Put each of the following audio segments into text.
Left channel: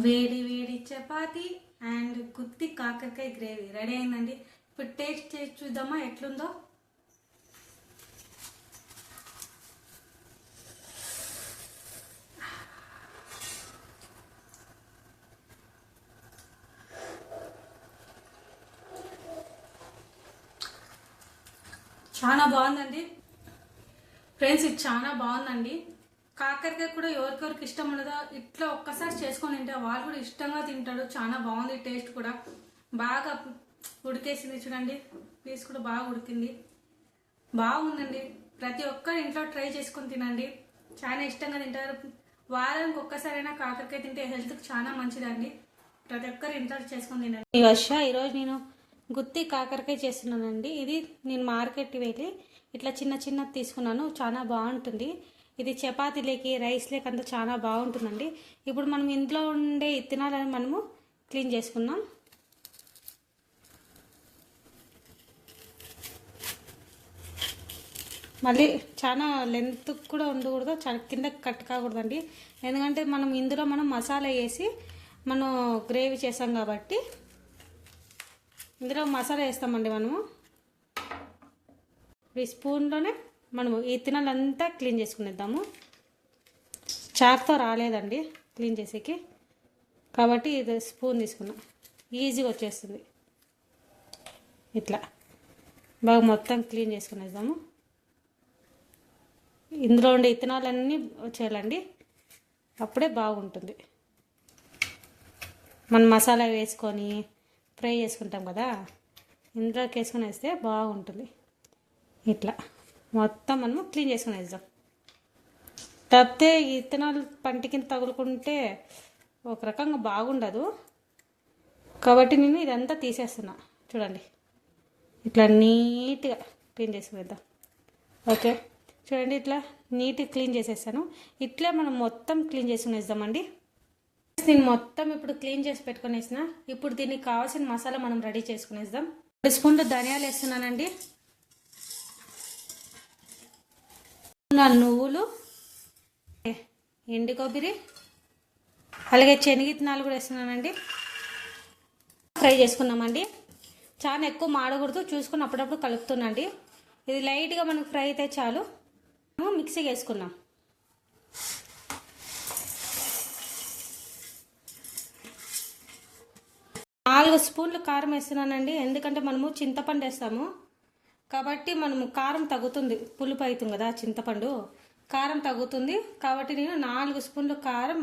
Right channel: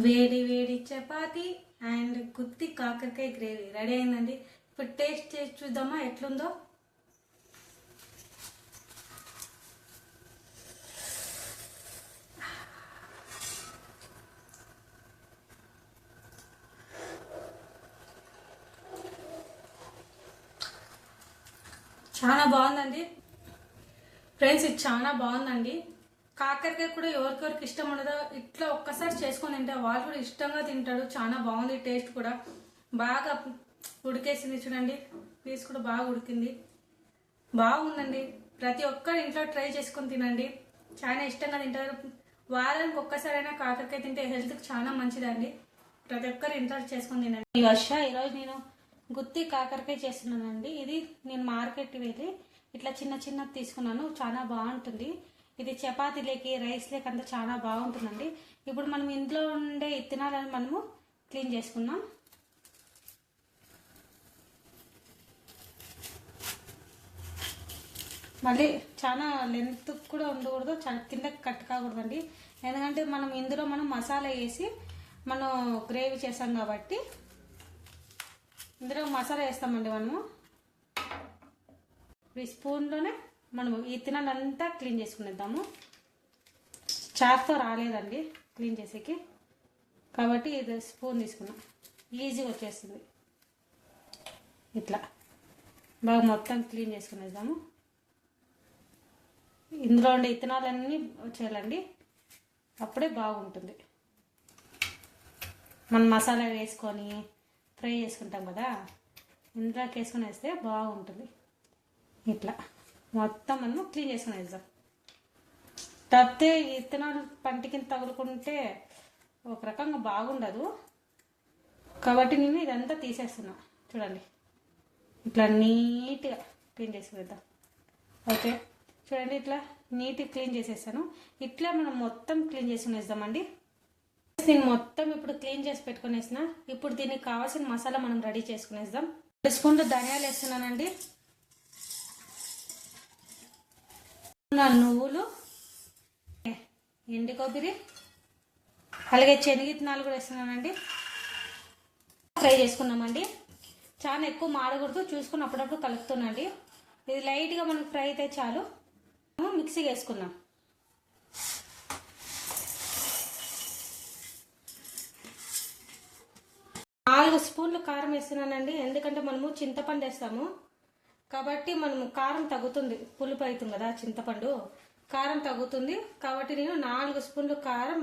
వేడి వేడి చపాతి అండ్ గుత్తి కాకరకాయ గ్రేవీ రెడీ అయిందండి. ఇప్పుడు టేస్ట్ చేసి చూద్దామా ఎట్లుందో. చాలా బాగుందండి ఫ్రెండ్స్, ఇది చాలా బాగుందండి. కాకరకాయ కూడా ఎవరికెవరికి ఇష్టం ఉండదో ఇట్లా ఒక్కసారి చేసుకొని తింటే వాళ్ళు కూడా ఇష్టంగా తింటారు. చాలా బాగుంది, టేస్ట్ కూడా బాగా ఉడికేసింది. చూడండి, పీస్ కూడా బాగా ఉడికింది, బాగుందండి. ప్రతి ఒక్కరు ఇంట్లో ట్రై చేసుకొని తినండి, చాలా ఇష్టంగా తింటారు. వారానికి ఒక్కసారైనా కాకరకాయ తింటే హెల్త్కి చాలా మంచిదండి. ప్రతి ఒక్కరు ఇంట్లో చేసుకొని తినండి. ఈ ఈరోజు నేను గుత్తి కాకరకాయ చేస్తున్నానండి. ఇది నేను మార్కెట్కి వెళ్ళి ఇట్లా చిన్న చిన్నది తీసుకున్నాను, చాలా బాగుంటుంది. ఇది చపాతీలేకి రైస్లేకి అంతా చాలా బాగుంటుందండి. ఇప్పుడు మనం ఇంట్లో ఉండే ఇత్తనాలను మనము క్లీన్ చేసుకుందాం. మళ్ళీ చాలా లెంత్ కూడా ఉండకూడదు, చాలా కింద కట్ కాకూడదండి. ఎందుకంటే మనం మసాలా వేసి మనం గ్రేవీ చేసాం కాబట్టి ఇందులో మసాలా వేస్తామండి. మనము ఈ స్పూన్లోనే మనము ఈ తినాలంతా క్లీన్ చేసుకునేద్దాము. చాక్తో రాలేదండి క్లీన్ చేసేకి, కాబట్టి ఇది స్పూన్ తీసుకున్నాం, ఈజీగా వచ్చేస్తుంది. ఇట్లా బాగా మొత్తం క్లీన్ చేసుకునేద్దాము. ఇందులో ఉండే ఇత్తనాలన్నీ వచ్చేయాలండి, అప్పుడే బాగుంటుంది. మనం మసాలా వేసుకొని ఫ్రై చేసుకుంటాం కదా, ఇందులోకి వేసుకొని వేస్తే బాగుంటుంది. ఇట్లా మొత్తం మనము క్లీన్ చేసుకుని వేద్దాం. తప్పితే ఇత్తనాలు పంటికి తగులుకుంటే ఒక రకంగా బాగుండదు, కాబట్టి నేను ఇదంతా తీసేస్తున్నా. చూడండి, ఇట్లా నీట్గా క్లీన్ చేసుకునేద్దాం. ఓకే, చూడండి, ఇట్లా నీట్గా క్లీన్ చేసేస్తాను. ఇట్లా మనం మొత్తం క్లీన్ చేసుకునేద్దామండి. నేను మొత్తం ఇప్పుడు క్లీన్ చేసి పెట్టుకునేసిన. ఇప్పుడు దీనికి కావాల్సిన మసాలా మనం రెడీ చేసుకునేద్దాం. 2 స్పూన్లు ధనియాలు వేస్తున్నానండి, నువ్వులు, ఎండు కొబ్బరి, అలాగే శనగిత్తనాలు కూడా వేస్తున్నానండి. ఫ్రై చేసుకున్నామండి. చాలా ఎక్కువ మాడకూడదు, చూసుకుని అప్పుడప్పుడు కలుపుతున్నాండి. ఇది లైట్గా మనకు ఫ్రై అయితే చాలు. మిక్సీకి వేసుకున్నాం. నాలుగు స్పూన్లు కారం వేస్తున్నానండి, ఎందుకంటే మనము చింతపండు వేస్తాము కాబట్టి మనము కారం తగ్గుతుంది. పులుపు అవుతుంది కదా చింతపండు, కారం తగ్గుతుంది. కాబట్టి నేను 4 స్పూన్లు కారం,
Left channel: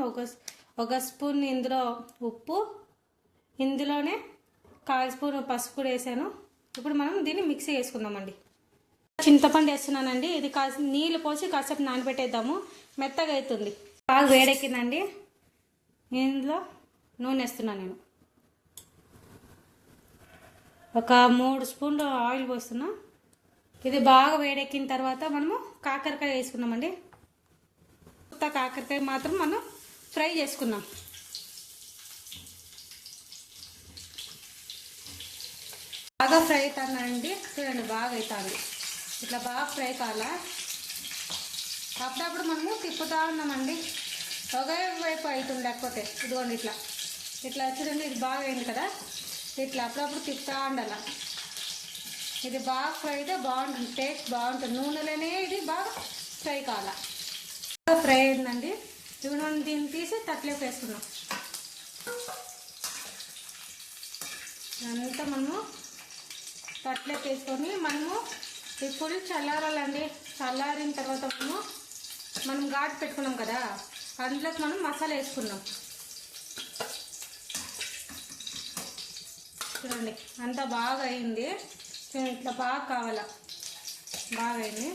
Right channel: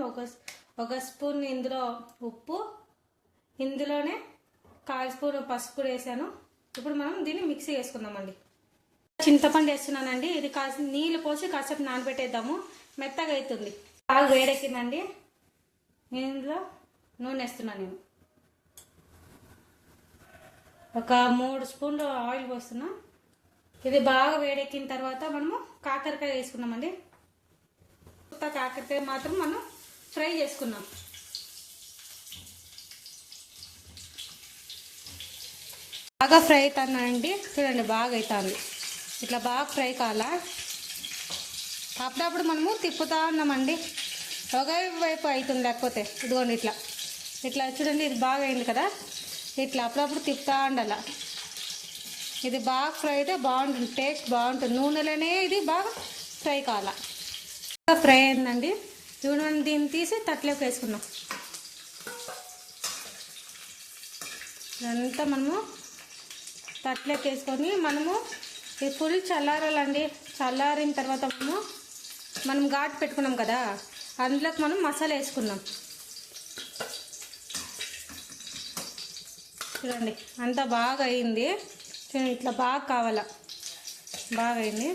ఒక స్పూన్ ఇందులో ఉప్పు, ఇందులోనే 1/4 స్పూన్ పసుపు కూడా వేసాను. ఇప్పుడు మనం దీన్ని మిక్సీ వేసుకుందామండి. చింతపండు వేస్తున్నానండి. ఇది కాస్త నీళ్ళు పోసి కాసేపు నానబెట్టేద్దాము, మెత్తగా అవుతుంది. బాగా వేడెక్కిందండి. ఇందులో నూనె వేస్తున్నాను. నేను ఒక 3 స్పూన్లు ఆయిల్ పోస్తున్నా. ఇది బాగా వేడెక్కిన తర్వాత మనము కాకరకాయ వేసుకున్నామండి. కాకరకాయ మాత్రం మనం ఫ్రై చేసుకున్నాం. బాగా ఫ్రై అవుతుందండి, చూడండి బాగా అవుతుంది. ఇట్లా బాగా ఫ్రై కావాలా. అప్పుడప్పుడు మనము తిప్పుతా ఉన్నామండి, ఒకే వైపు అవుతుంది. లేకపోతే ఇదిగోండి ఇట్లా ఇట్లా చూడండి, ఇది బాగా అయింది కదా. ఇట్లా అప్పుడప్పుడు తిప్పుతా ఉండాల. ఇది బాగా ఫ్రై అయితే బాగుంటుంది, టేస్ట్ బాగుంటుంది. నూనెలోనే ఇది బాగా ఫ్రై కావాలా. బాగా ఫ్రై అయిందండి. ఇప్పుడు మనం దీన్ని తీసి తట్లోకి వేసుకున్నాం. ఇదంతా మనము తట్లోకి వేసుకొని మనము ఈ ఫుల్ చల్లారాలండి. చల్లారిన తర్వాత మనం ఘాటు పెట్టుకున్నాం కదా, అందులోకి మనం మసాలా వేసుకున్నాం. చూడండి అంతా బాగా అయింది. ఇట్లా బాగా కావాలా, బాగా అయింది.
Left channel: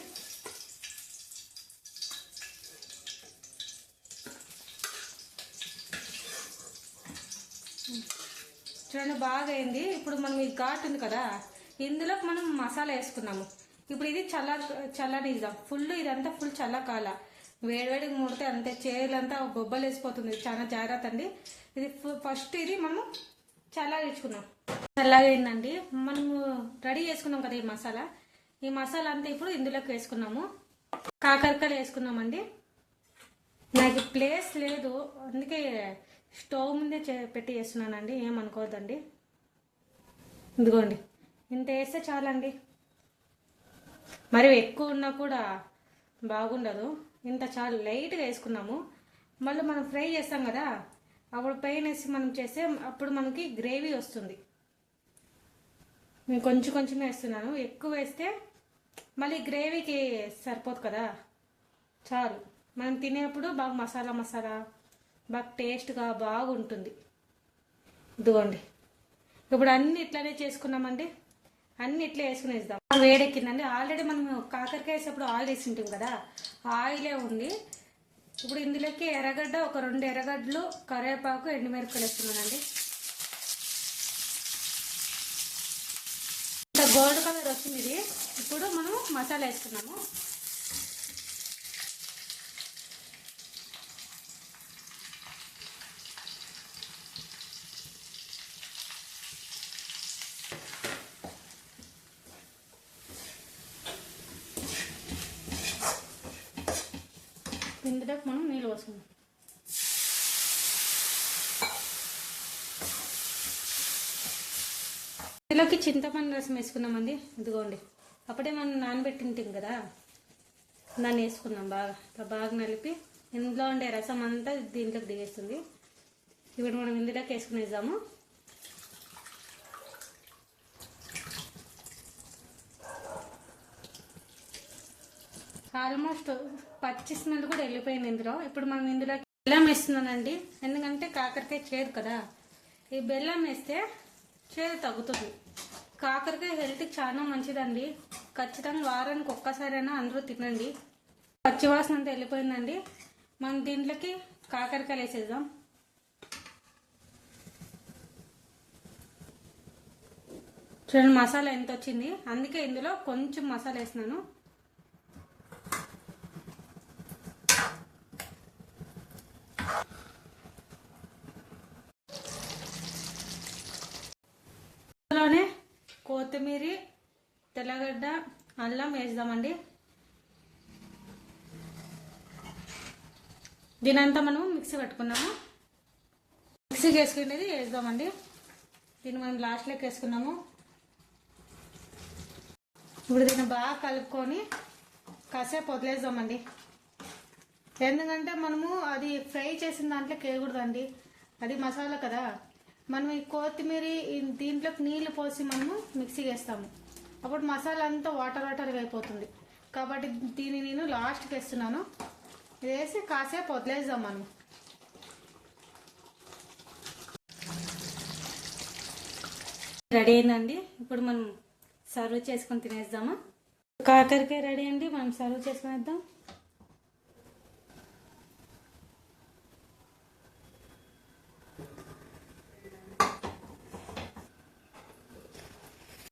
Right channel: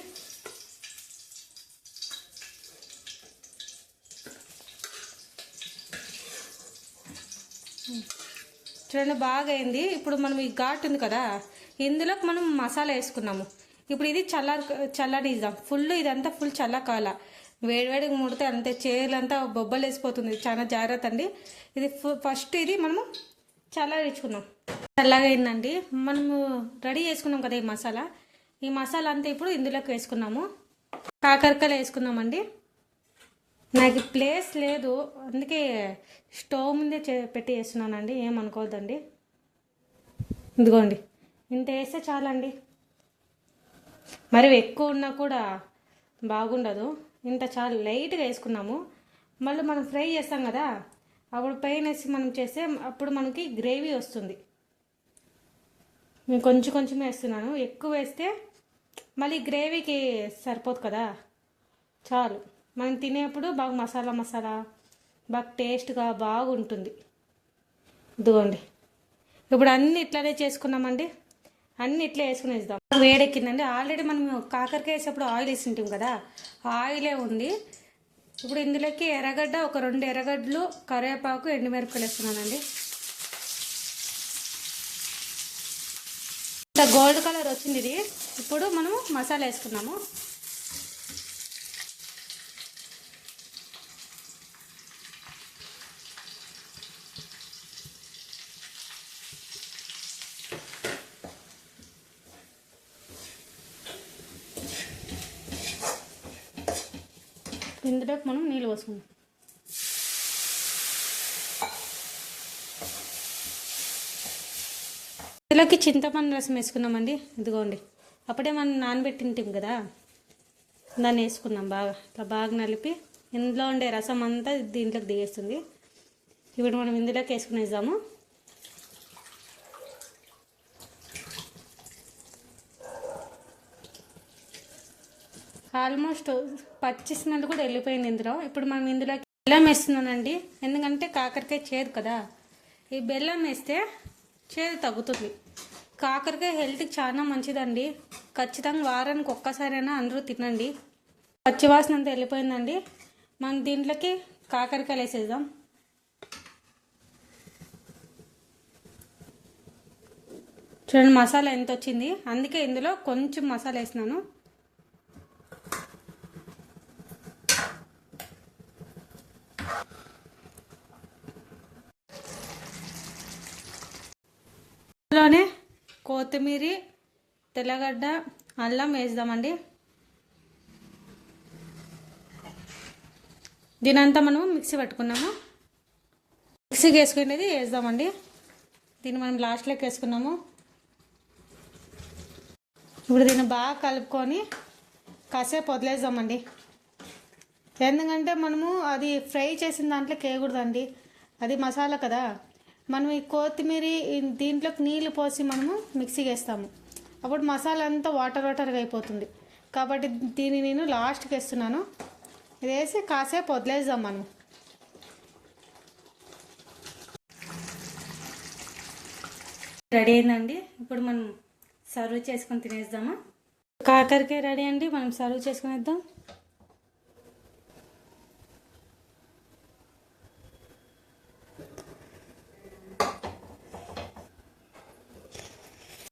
చూడండి బాగా అయింది. ఇప్పుడు మనం ఈ ఘాటు ఉంది కదా, ఇందులోకి మనం మసాలా వేసుకున్నాము. ఇప్పుడు ఇది చల్లనిద్దాం. ఇదంతా ఫుల్ చల్లకాల. వేడివేడిగా ముడితే అంతే చేతులంతా బొబ్బలు వేసిపోతుంది. చాలా జాగ్రత్త అండి. ఇది ఫస్ట్ ఇది మనము చల్లారించుకున్నాం. చల్లగైందండి. మనము రెడీ చేసుకున్నాం కదా ఈ మసాలా అంతా ఇప్పుడు ఇందులోకి వేసుకున్నాము. కాకరకాయలు వేసుకున్నామండి. నాకు ప్లేస్ లేదు, అందుకే స్టవ్ ముందే పెట్టి చేస్తున్నానండి, ఏమనుకోవద్దండి. ఇదిగోండి, ఇంత వేస్తే చాలండి. మరి ఎక్కువ ఉన్నా కూడా బాగుండదు. ఇంత చాలా లైట్గా వేసుకున్నాము. మళ్ళీ మనం ఫ్రై చేస్తాం కదా, అప్పుడు పైన వేసి మనం చేస్తే అప్పుడు మనకి గ్రేవీ వస్తుంది. నేను కొంచెం కొంచెమే వేస్తున్నాను. ఎక్కువ వేస్తే మళ్ళీ గ్రేవీకి సరిపోదు కదా. చాలు, మనం తినేప్పుడు బాగా మసాలా మసాలా బాగా టేస్ట్గా బాగుంటుంది. ఇదిగోండి, ఇప్పుడు అన్నీ ఇట్లానే చేసుకున్నామండి. అన్నీ ఇట్లా వేసుకుని వేద్దాం. వేడెక్కిందండి. ఆల్రెడీ మనం కాకరకాయ వేసేప్పుడు ఆయిల్ వేసి ఉంటాం కదా, ఆయిలే ఉంది. ఇప్పుడు ఇందులోకి ఎర్రగడ్డ, ఒక 2 ఎర్రగడ్డలు, కరివేపాకు, ఎండుమిరపకాయలు వేస్తున్నానండి. ఇంత గోల్డ్ కలర్ వచ్చింది ఇది. ఇప్పుడు మనం మసాలా వేసుకున్నాము. ఇందులోకి మనం నీళ్ళు పోసుకుందాం. ఇందులోకి చింతపండు రసం వేసుకున్నామండి. ఇదిగోండి, అప్పుడే మనం నానబెట్టింటాం కదా, దాన్ని వేసుకున్నాం. ఇట్లా బాగా నలిపి ఇందులో ఉండే రసం అంతా దీంట్లోకి దిగేస్తుంది. ఇప్పుడు మనం ఇందులోకి వేసుకునేద్దాము. ఆల్మోస్ట్ పచ్చి స్మెల్ కూడా వెళ్ళిపోయింది ఇందులో. ఇప్పుడు మనం ఇందులోకి బెల్లం వేస్తున్నానండి, ఎందుకంటే కాకరకాయ చేదు కదా. ఈ బెల్లం వేస్తే చేదు తగ్గుతుంది. కాకరకాయ హెల్త్కి చాలా మంచిదండి. ఖచ్చితంగా వారానికి ఒక్కసారైనా అందరూ తినండి. పచ్చివాసన అంతా వెళ్ళిపోయిందండి. మనం దీంట్లోకి కాకరకాయలు వేసేద్దాం. చూడండి మసాలా ఎంత వచ్చింది, అందుకే ఇందులో కొంచెం మసాలా వేసినాను. ఇందులోనే కొత్తిమీర, తెల్లగడ్డ, అల్లం వేద్దామండి. దీనంతా మనం మిక్సీ పట్టుకున్నాము. మిక్సీకి వేసుకునేది వేద్దామండి. దీన్ని మనం లాస్ట్లోకి వేసుకున్నాము. ఇప్పుడు దీన్ని బాగా కలుపుకొని కాసేపు వదిలేద్దామండి. ఎందుకంటే మనము అది ఫ్రై చేసిన దాంట్లోకి వేయకూడదండి, అది మసాలా కదా. మనం ఈ కొత్తిమీర దీంట్లోకి నీళ్ళు పోసి మనము మిక్సీకి వేస్తాము, అప్పుడు మసాలా అంతా వాటర్ వాటర్గా అయిపోతుంది. కాబట్టి దీన్ని నేను లాస్ట్కి వేస్తున్నాను. ఇది వేసి కాసేపు వదిలేద్దాం మనం. రెడీ అయిందండి. ఇప్పుడు మనం సర్వ్ చేసుకొని తినేద్దామా. కాకరకాయ రెడీ అండి, మనం సర్వ్ చేసుకునేద్దాం.